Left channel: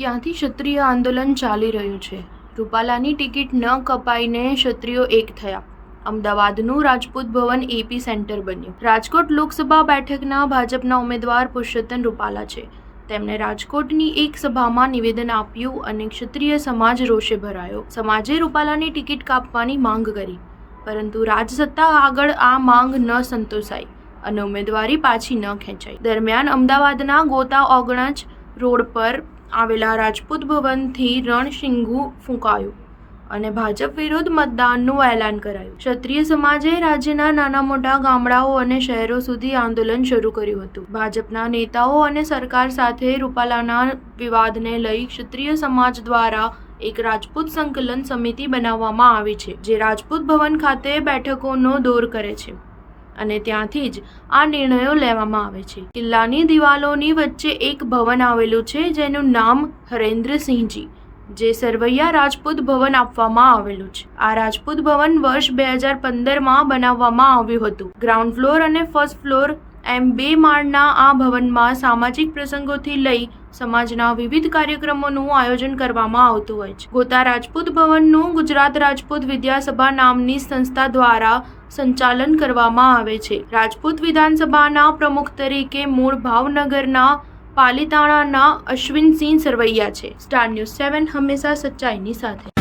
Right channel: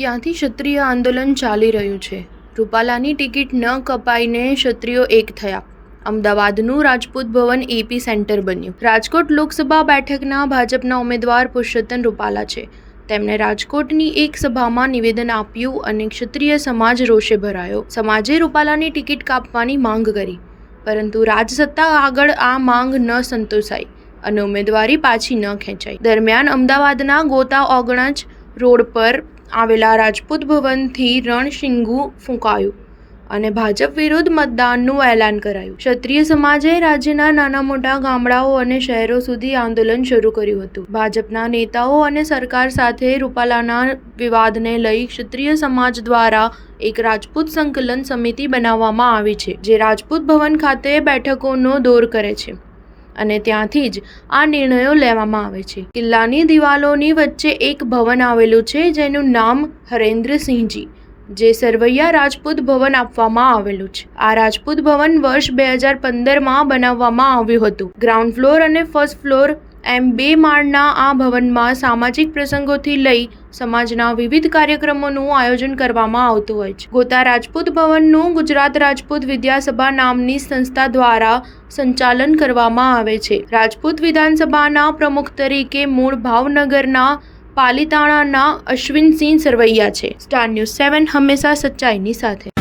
ક્યાંથી ક્ષત્રિય આંદોલન ચાલી રહ્યું છે? રૂપાલાની ટિકિટ ન કપાઈને ક્ષત્રિયો એક થયા. અમદાવાદનું રાજપૂત ભવન એપી સેન્ટર બન્યું. રાજકોટ લોકસભા બેઠકના ભાજપના ઉમેદવાર પુરુષોત્તમ રૂપાલા છે. તેમણે રાજકોટની એક સભામાં નિવેદન આપ્યું અને ક્ષત્રિય સમાજ રોષે ભરાયો. સમાજે રૂપાલાની ટિકિટ કાપવાની માંગ કરી, પરંતુ રાજસત્તા આગળ આ માંગ ન સંતોષાઈ અને ઉમેદવારી પાછી ન ખેંચાઈ. દરમિયાન અમદાવાદના ગોતા ઓગણજ રોડ પર આવેલા રાજપૂત ભવનથી રણશીંગું ફૂંકાયું અને ભાજપ વિરુદ્ધ મતદાનનું એલાન કરાયું. ક્ષત્રિય સમાજે રાજ્યના નાના મોટા ગામડાઓ અને શહેરો સુધી આંદોલન શરૂ કર્યું હતું. ભાજપના નેતાઓ અને સરકાર સાથે રૂપાલાના વિવાદને લઈ ક્ષત્રિય સમાજ દ્વારા એક રાજપૂત સંકલન સમિતિ બનાવવામાં આવી છે, જે રાજપૂત ભવન ખાતે બેઠકોનો દોર કરે છે અને ત્યાંથી જ આ નિર્ણયો લેવામાં આવે છે. કિલ્લાની દિવાલોની વચ્ચે એક ભવન આવેલું છે, જેનું નામ હરેન્દ્રસિંહજી, જે સરવૈયા રાજપૂત ભવન આપવામાં આવેલું છે. આ રાજપૂત ભવન વર્ષ 2015માં બનાવવામાં આવ્યું હતું. ગ્રાઉન્ડ ફ્લોર અને ફર્સ્ટ ફ્લોર એમ 2 માળના આ ભવનમાં સામાજિક પ્રસંગોથી લઈ સમાજના વિવિધ કાર્યક્રમોનું આયોજન કરવામાં આવતું હોય છે. ગોતા રાજપૂત ભવનનું ગુજરાત રાજપૂત વિદ્યાસભા નામની સંસ્થા દ્વારા સંચાલન કરવામાં આવે છે. રાજપૂત વિધાનસભાના પ્રમુખ તરીકે મૂળ ભાવનગરના પાલીતાણાના અશ્વિનસિંહ સરવૈયા છે. સ્ટાર ન્યૂઝ 7 હંમેશા સચ્ચાઈની સાથે.